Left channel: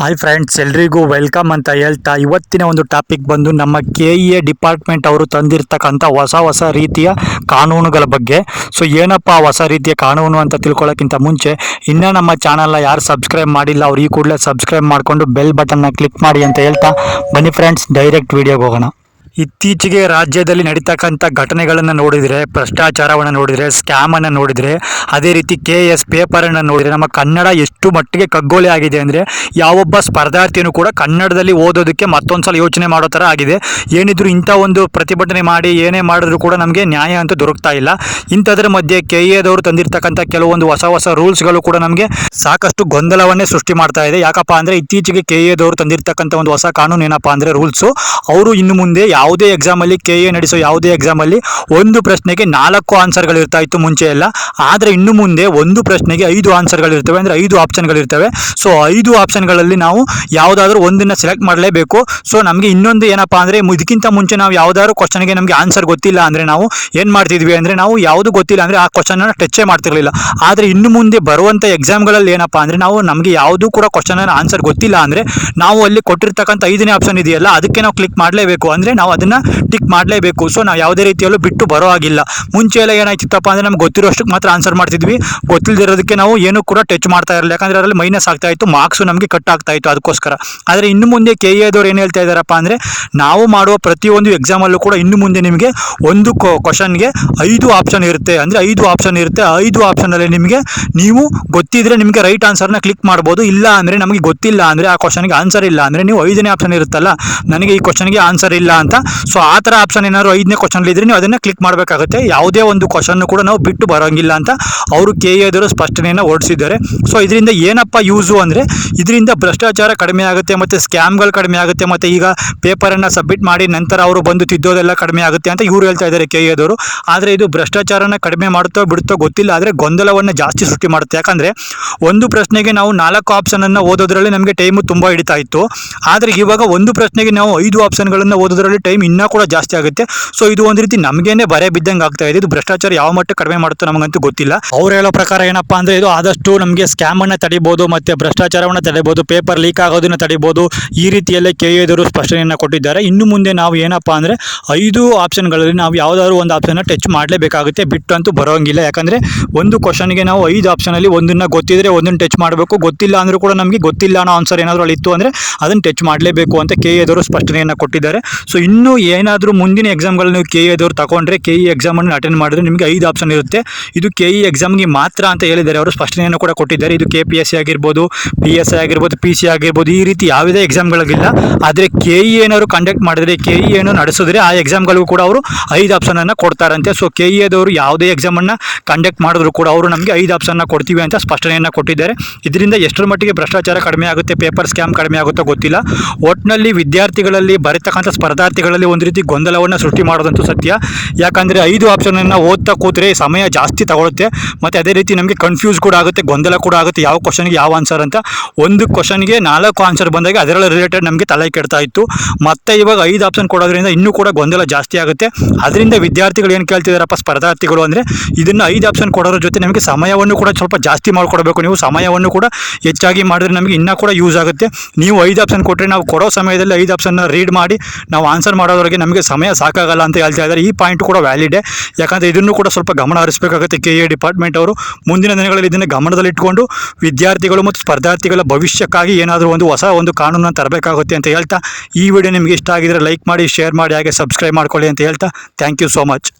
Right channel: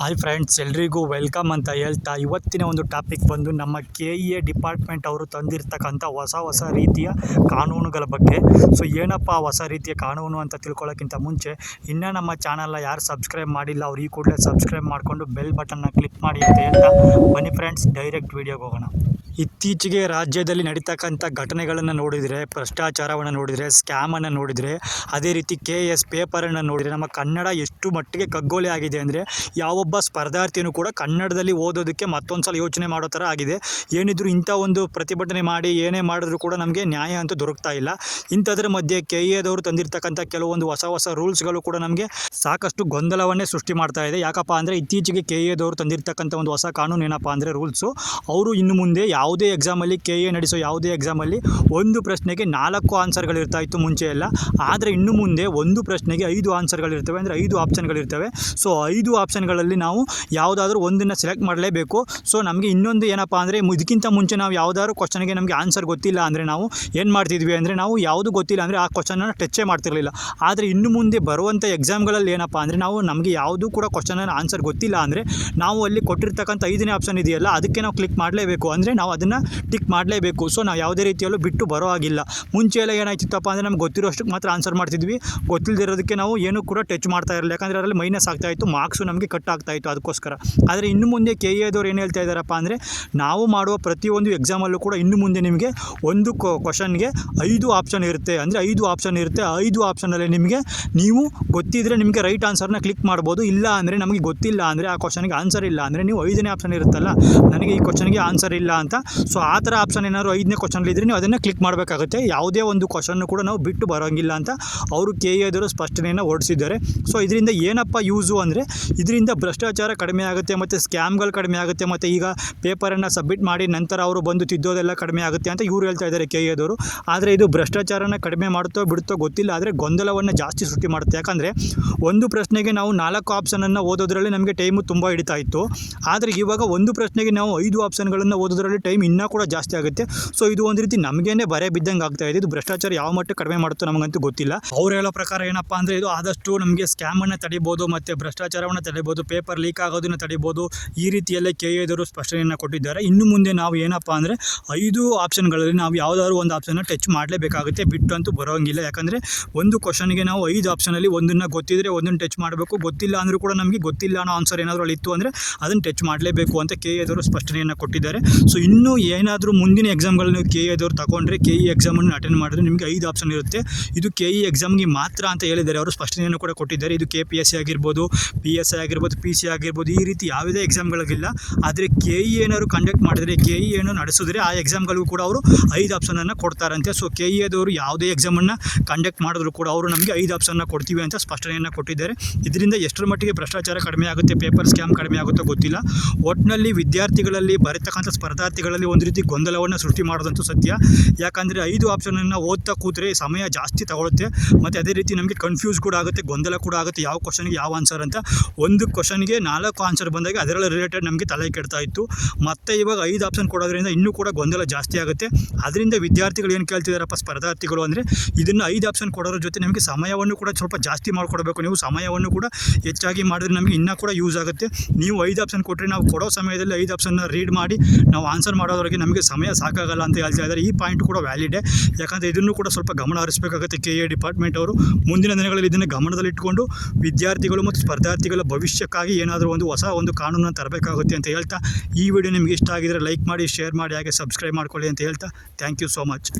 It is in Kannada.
ಹಾಯ್ ಫ್ರೆಂಡ್ಸ್ ಎಲ್ರಿಗೂ ವೆಲ್ಕಮ್ ಅಂತ ಹೇಳ್ತಾ ಇವತ್ತಿನ ಒಂದು ಟಾಪಿಕ್ ಬಂದು ನಮ್ಮ ಕೆ ಇ ಎ ಡಿಪಾರ್ಟ್ಮೆಂಟ್ ಅವರು ತಂದಿರ್ತಕ್ಕಂಥ ಹೊಸ ಹೊಸ ರೀತಿಯ ಕಾನೂನುಗಳ ಬಗ್ಗೆ. ಸೊ ಏನಪ್ಪ ಹೊಸ ರೀತಿಯ ಕಾನೂನು ಅಂತ ತಿಳ್ಕೊಳ್ಳೋಕ್ಕಿಂತ ಮುಂಚೆ, ಇನ್ನೂ ನಮ್ಮ ಚಾನಲ್ನ ಯಾರು ಸಬ್ಸ್ಕ್ರೈಬ್ ಮಾಡಿಲ್ಲ, ಅವ್ರು ಈ ಕೂಡಲೇ ಸಬ್ಸ್ಕ್ರೈಬ್ ಮಾಡಿಕೊಂಡು ಬೆಲ್ ಬಟನ್ನ ಕ್ಲಿಕ್ ಮಾಡಿ ಅಂತ ಹೇಳ್ತಾ ಬನ್ನಿ ಫ್ರೆಂಡ್ಸ್ ಡೈರೆಕ್ಟ್ ವೀಡಿಯೋಗೆ ಹೋಗೋಣ. ಇತ್ತೀಚೆಗೆ ರಾಜ್ಯದಲ್ಲಿ ನಡೀತಕ್ಕಂಥ ಘಟನೆಗಳನ್ನು ನೋಡಿದರೆ, ಭ್ರಷ್ಟಾಚಾರವನ್ನು ನೋಡಿದರೆ, ಸ್ಕ್ಯಾಮನ್ನು ನೋಡಿದರೆ, ಅದೇ ರೀತಿ ಕೆ ಎಸ್ ಪೇಪರನ್ನು ನೋಡಿದರೆ, ನಮ್ಮ ಕನ್ನಡ ಎಷ್ಟು ಮಟ್ಟಿಗೆ ಕಗ್ಗೋಲೆ ಆಗಿದೆ ಅಂದರೆ, ಯಾವೊಬ್ಬ ಸ್ಪರ್ಧಾರ್ಥಿಯೂ ಕೂಡ ಕನ್ನಡದಲ್ಲಿ ಓದೋದಕ್ಕೆ ಮತ್ತೊಂದು ಸಲ ಯೋಚನೆ ಮಾಡೋ ಥರ ಆಗಿದೆ. ಏನಿದ್ರು ಇಂಥ ಒಂದು ಪ್ರತಿಭಟನೆ ಮಾಡಿ, ಏನೇ ಮಾಡಿದ್ರು ಕೂಡ ನಮಗೆ ನ್ಯಾಯ ಅಂತೂ ದೊರಕ್ತಾ ಇಲ್ಲ. ಇಂಥದ್ರ ಮಧ್ಯೆ ಕೆ ಎದವರು ತಂದಿರತಕ್ಕಂಥ ಕೆಲವೊಂದು ಹೊಸ ಹೊಸ ರೂಲ್ಸ್ಗಳು ಕೂಡ ನಮಗೆ ಸಾಕಷ್ಟು ಗೊಂದಲವನ್ನೇ ಸೃಷ್ಟಿ ಮಾಡ್ತಾ ಇದೆ. ಯಾಕಪ್ಪ ಅಂದರೆ, ಇತ್ತೀಚೆಗೆ ಕೆ ಎದವರು ತಂದಿರತಕ್ಕಂಥ ಒಂದು ಹೊಸ ಕಾನೂನು ಏನಪ್ಪ ಅಂದರೆ, ರೂಲ್ಸು, ಅವರು ಇನ್ನು ಮುಂದೆ ಯಾವುದೇ ಎಕ್ಸಾಮಲ್ಲಿ ಕೆ ಎ ನಡೆಸೋ ಯಾವುದೇ ಎಕ್ಸಾಮಲ್ಲಿ ಒಂದು ಪ್ರಶ್ನೆಗೆ ನಾಲ್ಕು ಆನ್ಸರ್ಗಳು ಇರ್ತಾ ಇತ್ತು ಮುಂಚೆ ಎಲ್ಲ. ಆದರೆ ಇನ್ನು ಮುಂದೆ ಒಂದು ಪ್ರಶ್ನೆಗೆ ಐದು ಆನ್ಸರ್ಗಳಿರ್ತವೆ ಅಂದರೆ ಐದು ಆಪ್ಷನ್ಗಳಿರ್ತವೆ ಸೊ ಐದು ಆಪ್ಷನ್ಗಳಲ್ಲಿ ನಾವು ಯಾವುದಾದ್ರೂ ಒಂದನ್ನು ಸೆಲೆಕ್ಟ್ ಮಾಡಲೇಬೇಕು. ಸೊ ನಮಗೆ ಇನ್ನೊಂದು ಏನಪ್ಪ ಅಂದರೆ ಇದಕ್ಕಿಂತ ಮುಂಚೆ ನಾವು ಯಾವುದಾದ್ರು ಕ್ವಶನ್ಗೆ ನಮಗೆ ಆನ್ಸರ್ ಗೊತ್ತಿಲ್ಲ ಅಂದರೆ ನಾವು ಏನು ಮಾಡ್ತಿದ್ವಿ ಅಂದರೆ ನಾವು ಯಾವುದು ಗೊತ್ತಿಲ್ಲ ಅಂದರೆ ಆ ಕ್ವಶನನ್ನು ಟಚ್ಚೇ ಮಾಡ್ತಿರಲಿಲ್ಲ. ಆದರೆ ಇನ್ನು ಮುಂದೆ ಬರುವಂಥ ಎಕ್ಸಾಮ್ಗಳಲ್ಲಿ ಏನಪ್ಪ ಅಂದರೆ ನಾವು ನಮಗೆ ಯಾವುದೂ ಕೂಡ ಕ್ವಶನನ್ನು ಆನ್ಸರ್ ಗೊತ್ತಿಲ್ಲ ಅಂದರೆ ನಾವು ಅಲ್ಲಿ ಕೊಟ್ಟಿರ್ತಕ್ಕಂಥ ಐದನೇ ಆಪ್ಷನ್ ಇದೆಯಲ್ಲ, ಅದಕ್ಕೆ ನಾವು ಕ್ಲಿಕ್ ಮಾಡಲೇಬೇಕು. ಅಂದರೆ ನಾವು ಅದನ್ನು ಟಿಕ್ ಮಾಡಲೇಬೇಕು. ಸೊ ನಾವು ಯಾವುದೇ ರೀತಿಯಲ್ಲೂ ಬಿಟ್ಟು ಬರೋ ಆಗಿಲ್ಲ ಮುಂಚೆ ಎಲ್ಲ ಏನಾಯ್ತಿತ್ತಪ್ಪ ಅಂದರೆ ನಮ್ಗೆ ಗೊತ್ತಿರೋಷ್ಟಕ್ಕೆ ಮಾತ್ರ ಆನ್ಸರ್ ಮಾಡ್ತಿದ್ವಿ. ಗೊತ್ತಿಲ್ಲದಿರೋದಕ್ಕೆ ನಾವು ಏನೂ ಕೂಡ ಟಚ್ ಮಾಡ್ತಾ ಇರಲಿಲ್ಲ. ಯಾಕಂದರೆ ಅದರಲ್ಲಿ ಮೈನಸ್ ಆಗ್ತಾ ಇತ್ತು ಮಾರ್ಕ್ಸು ನಮಗೆ ಕಟ್ ಆಗ್ತಾ ಇತ್ತು ಅದಕ್ಕೋಸ್ಕರ. ಆದರೆ ಇನ್ನು ಮುಂದೆ ಕೆ ಎದವ್ರು ಏನು ಹೇಳ್ತಾ ಇದ್ದಾರಪ್ಪ ಅಂದರೆ ನಾವು ಮಾಡುವ ಪ್ರತಿಯೊಂದು ಎಕ್ಸಾಮಲ್ಲೂ ಕೂಡ ಇನ್ನು ಮುಂದೆ ನಿಮಗೆ ಒಂದು ಕ್ವಶನ್ಗೆ ಐದು ಆಪ್ಷನ್ ಇರುತ್ತೆ. ಅಂದರೆ ಐದು ಆಪ್ಷನ್ ಇರುತ್ತೆ. ಐದು ಆಪ್ಷನಲ್ಲಿ ನಿಮಗೆ ನೀವು ಗೊತ್ತಿದ್ರೆ ನಿಮಗೆ ರೈಟ್ ಆನ್ಸರ್ನ ಕ್ಲಿಕ್ ಮಾಡ್ಬೋದು. ಇಲ್ಲ ಅಂದರೆ ನಮಗೆ ಗೊತ್ತಿಲ್ಲ ಅಂದರೆ ಆ ಕ್ವಶನ್ಗೆ ಆನ್ಸರ್ ಇಲ್ಲ ಅಂದರೆ ನೀವು ಐದನೇ ಆಪ್ಷನ್ ಇರುತ್ತಲ್ಲ, ನನಗೆ ಈ ಕ್ವಶನ್ಗೆ ಆನ್ಸರ್ ಇಲ್ಲ ಅಂತ ಸೊ ಆ ಥರ ಆಪ್ಷನ್ ಏನಾದ್ರು ಐದನೇ ಕ್ವಶನ್ ಇದ್ರೆ ನೀವು ಅದನ್ನು ಕ್ಲಿಕ್ ಮಾಡಬೇಕಾಗುತ್ತೆ. ಯಾವುದೇ ಒಂದು ಕ್ವಶನ್ನು ಕೂಡ ನಾವು ಬಿಟ್ಟು ಬರೋಂಗಿಲ್ಲ ಅಂತ ಅವರು ಕೆ ಎದರು ಸ್ಪಷ್ಟನೆಯನ್ನು ಹೊರಡಿಸಿದ್ದಾರೆ. ಸೊ ಇದರಿಂದ ಏನಪ್ಪ ಯೂಸು ಅಂದರೆ, ಇದರಿಂದ ಭ್ರಷ್ಟಾಚಾರ ಕಡಿಮೆ ಆಗುತ್ತೆ ಮತ್ತು ಸ್ಕ್ಯಾಮ್ಗಳು ಕಡಿಮೆ ಆಗುತ್ತೆ ಮತ್ತು ಈಗ ಪೇಪರನ್ನು ಸಬ್ಮಿಟ್ ಮಾಡಿ ನಂತರ ಅವರು ಬಂದು ತಿದ್ದೋದೆಲ್ಲ ಕಡಿಮೆ ಆಗುತ್ತೆ ಅಂತ ಇವರು ಹೇಳ್ತಾ ಇದ್ದಾರೆ ಕೆ ಎದವರು ಆದರೆ ಇದು ಭ್ರಷ್ಟಾಚಾರನ ಕಡಿಮೆ ಮಾಡುತ್ತೋ ಬಿಡುತ್ತೋ ಗೊತ್ತಿಲ್ಲ. ಆದರೆ ಗೊಂದಲವನ್ನು ಜಾಸ್ತಿ ಸೃಷ್ಟಿ ಮಾಡುತ್ತೆ. ಯಾಕಂದರೆ ಒಂದು ಪ್ರಶ್ನೆಗೆ ನಾವು ನಾಲ್ಕು ಆಪ್ಷನನ್ನು ಓದೋದ್ರಲ್ಲಿ ನಮಗೆ ಟೈಮು ತುಂಬ ಹಿಡಿತಾ ಇತ್ತು. ಆದರೆ ಇವಾಗ ಒಂದು ಪ್ರಶ್ನೆಗೆ ನಾವು ಐದು ಆಪ್ಷನ್ಗಳನ್ನು ಓದೋದ್ರಲ್ಲಿ ಟೈಮ್ ಇನ್ನೂ ಕೂಡ ಜಾಸ್ತಿ ಆಗುತ್ತೆ. ಸೊ ಇದು ಒಂದು ರೀತಿ ನಮಗೇನೆ ಬರೆ ಬಿದ್ದಂಗೆ ಆಗ್ತಾ ಇದೆ. ಇದು ಭ್ರಷ್ಟಾಚಾರ ಯಾವ ಮಟ್ಟ ಕಡಿಮೆ ಮಾಡುತ್ತೋ ನಮಗಂತೂ ಗೊತ್ತಿಲ್ಲ. ಅವ್ರು ಹೇಳೋ ಪ್ರಕಾರ ಏನಪ್ಪ ಅಂದರೆ ಇದು ಆದಷ್ಟು ನಮಗೆ ಸ್ಕ್ಯಾಮನ್ನು ತಡಿಬೋದು, ಮತ್ತು ಭ್ರಷ್ಟಾಚಾರವನ್ನು ತಡಿಬೋದು ಪೇಪರ್ ಲೀಕ್ ಆಗೋದನ್ನು ತಡಿಬೋದು, ಈ ರೀತಿಯಲ್ಲೇ ಕೆ ಎದುರು ಸ್ಪಷ್ಟನೆಯನ್ನು ಕೊಟ್ಟಿದ್ದಾರೆ. ಇನ್ನು ಮುಂದೆ ನಾವು ಏನಪ್ಪ ಅಂದರೆ ಐದು ಆಪ್ಷನ್ಗಳಲ್ಲಿ ನಾವು ಯಾವುದಾದ್ರು ಒಂದು ಆಪ್ಷನ್ನ ಟಚ್ ಮಾಡಲೇಬೇಕಾಗುತ್ತೆ. ಬಿಟ್ಟು ಅಂತೂ ಬರೋಂಗಿಲ್ಲ. ಯಾಕಂದರೆ ಒಂದು ಕ್ವಶನ್ಗೆ ನಾವು ಐದು ಆಪ್ಷನಲ್ಲಿ ಒಂದನ್ನು ಗೊತ್ತಿದ್ರೆ ಒಂದನ್ನು ಟಚ್ ಮಾಡಬೇಕು. ಗೊತ್ತಿಲ್ಲ ಅಂದರೂ ಕೂಡ ನಮಗೆ ಗೊತ್ತಿಲ್ಲ ಅನ್ನೋ ಆನ್ಸರ್ ಏನಾದರೂ ಅಲ್ಲಿ ಇತ್ತು ಅಂದರೆ ಅದನ್ನು ಟಚ್ ಮಾಡಲೇಬೇಕು ಅಂತ ಕೆ ಎದುರು ಸ್ಪಷ್ಟನೆಯನ್ನು ಕೊಟ್ಟಿದ್ದಾರೆ. ಸೊ ಇನ್ನೂ ಏನಾದರೂ ಮುಂದಿನ ಎಕ್ಸಾಮ್ಗಳು ನೀವು ಕೆ ಎದವ್ರು ತಗೊಂಡ್ರೆ ಕೆ ಇ ಎಕ್ಸಾಮನ್ನು ಅಟೆಂಡ್ ಮಾಡಿದ್ರೆ ನಿಮಗೆ ಐದು ಆಪ್ಷನ್ ಇರುತ್ತೆ. ಇದು ಕೆ ಇ ಎಕ್ಸಾಮ್ಗೆ ಮಾತ್ರ ಅಂತ ಹೇಳಿದ್ದಾರೆ. ಅವರು ಸ್ಪಷ್ಟನೆಯನ್ನು ಕೂಡ ಕೊಟ್ಟಿದ್ದಾರೆ. ಇದು ಕೆ ಪಿ ಎಸ್ ಸಿ ಆಗಿರ್ಬೋದು ಪಿ ಎಸ್ ಐ ಆಗಿರ್ಬೋದು ಪಿ ಸಿ ಆಗಿರ್ಬೋದು, ಈ ರೀತಿ ಯಾವುದೇ ಎಕ್ಸಾಮ್ಗಳಿಗಿಲ್ಲ ಆದರೆ ಕೆ ಇ ಏನಾದ್ರು ಕಂಡಕ್ಟ್ ಮಾಡಿದ್ರೆ ಕೆ ಇ ಏನು ನಡೆಸಿದ್ರೆ ಆ ಎಕ್ಸಾಮ್ಗಳಿಗೂ ಕೂಡ ಅವರು ಐದು ಆಪ್ಷನನ್ನು ಕೊಡ್ತಾರಂತೆ. ಸೊ ಕೆ ಇ ಎದವರು ಯಾವುದೇ ಎಕ್ಸಾಮನ್ನು ಕಂಡಕ್ಟ್ ಮಾಡಿದ್ರು ಕೂಡ ಅವರು ನಮಗೆ ಐದು ಆಪ್ಷನ್ನ ಕೊಡ್ತೀವಿ ಅಂತ ಸ್ಪಷ್ಟನೆಯನ್ನು ಕೊಟ್ಟಿದ್ದಾರೆ. ಇದರಿಂದ ಎಷ್ಟರ ಮಟ್ಟಿಗೆ ಭ್ರಷ್ಟಾಚಾರ ಕಡಿಮೆ ಆಗುತ್ತೆ ಪೇಪರ್ ಸ್ಕ್ಯಾಮ್ ಕಡಿಮೆ ಆಗುತ್ತೋ ಗೊತ್ತಿಲ್ಲ. ಒಟ್ಟಿನಲ್ಲಿ ವಿದ್ಯಾರ್ಥಿಗಳಲ್ಲಿ ಬರೀತಕ್ಕಂಥ ಸ್ಪರ್ಧಾರ್ಥಿಗಳಲ್ಲಿ ಒಂದು ರೀತಿ ಗೊಂದಲವನ್ನು ಸೃಷ್ಟಿ ಮಾಡೋದಂತೂ ಸತ್ಯ. ಯಾಕಂದರೆ ಐದು ಆಪ್ಷನನ್ನು ಓದ್ತಾ ಕೂತ್ರೆ ಸಮಯ ಜಾಸ್ತಿ ತಗೊಳುತ್ತೆ. ಮತ್ತು ಅದೇ ರೀತಿ ನಮಗೆ ಕನ್ಫ್ಯೂಸ್ ಕೂಡ ಆಗುತ್ತೆ, ಗೊಂದಲ ಕೂಡ ಆಗುತ್ತೆ, ಯಾವ ಕ್ವಶನ್ಗೆ ಯಾವ ಆನ್ಸರ್ ಅಂತ. ಒಂದು ಕ್ವಶನ್ಗೆ ನಾಲ್ಕು ಆನ್ಸರ್ ಬಂದಾಗ ಅದರಲ್ಲಿ ರಿಲೇಟೆಡ್ ನಮಗೆ ತಲೆ ಕೆಡ್ತಾ ಇತ್ತು. ಮತ್ತೆ ಇವಾಗ ಐದು ಆಪ್ಷನ್ ಕೊಡೋದ್ರಿಂದ ಇನ್ನೂ ಕೂಡ ಗೊಂದಲ ಜಾಸ್ತಿ ಆಗುತ್ತೆ. ಅದರಿಂದ ವಿದ್ಯಾರ್ಥಿಗಳು ಏನು ಕೇಳ್ತಿದ್ದಾರಪ್ಪ ಸ್ಪರ್ಧಾರ್ಥಿಗಳು ಅಂದರೆ ಇದನ್ನು ಐದು ಆಪ್ಷನ್ ಕೊಡೋದ್ರ ಜೊತೆ ನಮಗೆ ಸಮಯವನ್ನು ಕೂಡ ಸ್ವಲ್ಪ ಜಾಸ್ತಿ ಮಾಡಿಕೊಡ್ಬೇಕು. ನೀವು ಸಮಯವನ್ನು ಕೂಡ ಹೆಚ್ಚಾಗಿ ಮಾಡಿದ್ರೆ ನಮಗೆ ಇನ್ನೂ ಕೂಡ ಯೂಸ್ ಆಗುತ್ತೆ. ನೀವು ಐದು ಆಪ್ಷನ್ ಕೊಟ್ಟರೆ ನಾವು ಕೊಡೋ ಸಮಯದಲ್ಲಿ ಐದು ಆಪ್ಷನ್ನ ರೀಡ್ ಮಾಡಿ, ನಾವು ಆನ್ಸರ್ ಮಾಡೋದ್ರಿಗೆ ನಮಗೆ ಸಮಯ ಸಾಕಾಗಲ್ಲ ಅಂತ ಹೇಳ್ತಾ ಇದ್ದಾರೆ. ಈ ಪಾಯಿಂಟ್ ಕೂಡ ವ್ಯಾಲಿಡೇ ಯಾಕಂದರೆ ಇದನ್ನು ಕೂಡ ಸ್ವಲ್ಪ ಗಮನ ಹರಿಸಬೇಕಾಗುತ್ತೆ. ಕೆ ಎ ಡಿಪಾರ್ಟ್ಮೆಂಟ್ ಅವರು ಮುಂದಿನ ದಿನಗಳಲ್ಲಿ ಇದನ್ನು ಗಮನದಲ್ಲಿಟ್ಟುಕೊಂಡು ವಿದ್ಯಾರ್ಥಿಗಳು ಮತ್ತು ಸ್ಪರ್ಧಾರ್ಥಿಗಳ ಭವಿಷ್ಯಕ್ಕಾಗಿ ಏನಾದರೂ ಒಂದು ಹೊಸ ಒಂದು ಕಾನೂನನ್ನು ತರಬೇಕಾಗುತ್ತೆ ಅಂತ ಹೇಳ್ತಾ ಈ ವಿಡಿಯೋ ನಿಮಗೆ ಇಷ್ಟ ಆಗಿದರೆ ಲೈಕ್ ಮಾಡಿ ಶೇರ್ ಮಾಡಿ, ಹಾಗೆ ಸಬ್ಸ್ಕ್ರೈಬ್ ಮಾಡ್ಕೊಳ್ಳಿ ಅಂತ ಹೇಳ್ತಾ ಥ್ಯಾಂಕ್ ಯು ಸೋ ಮಚ್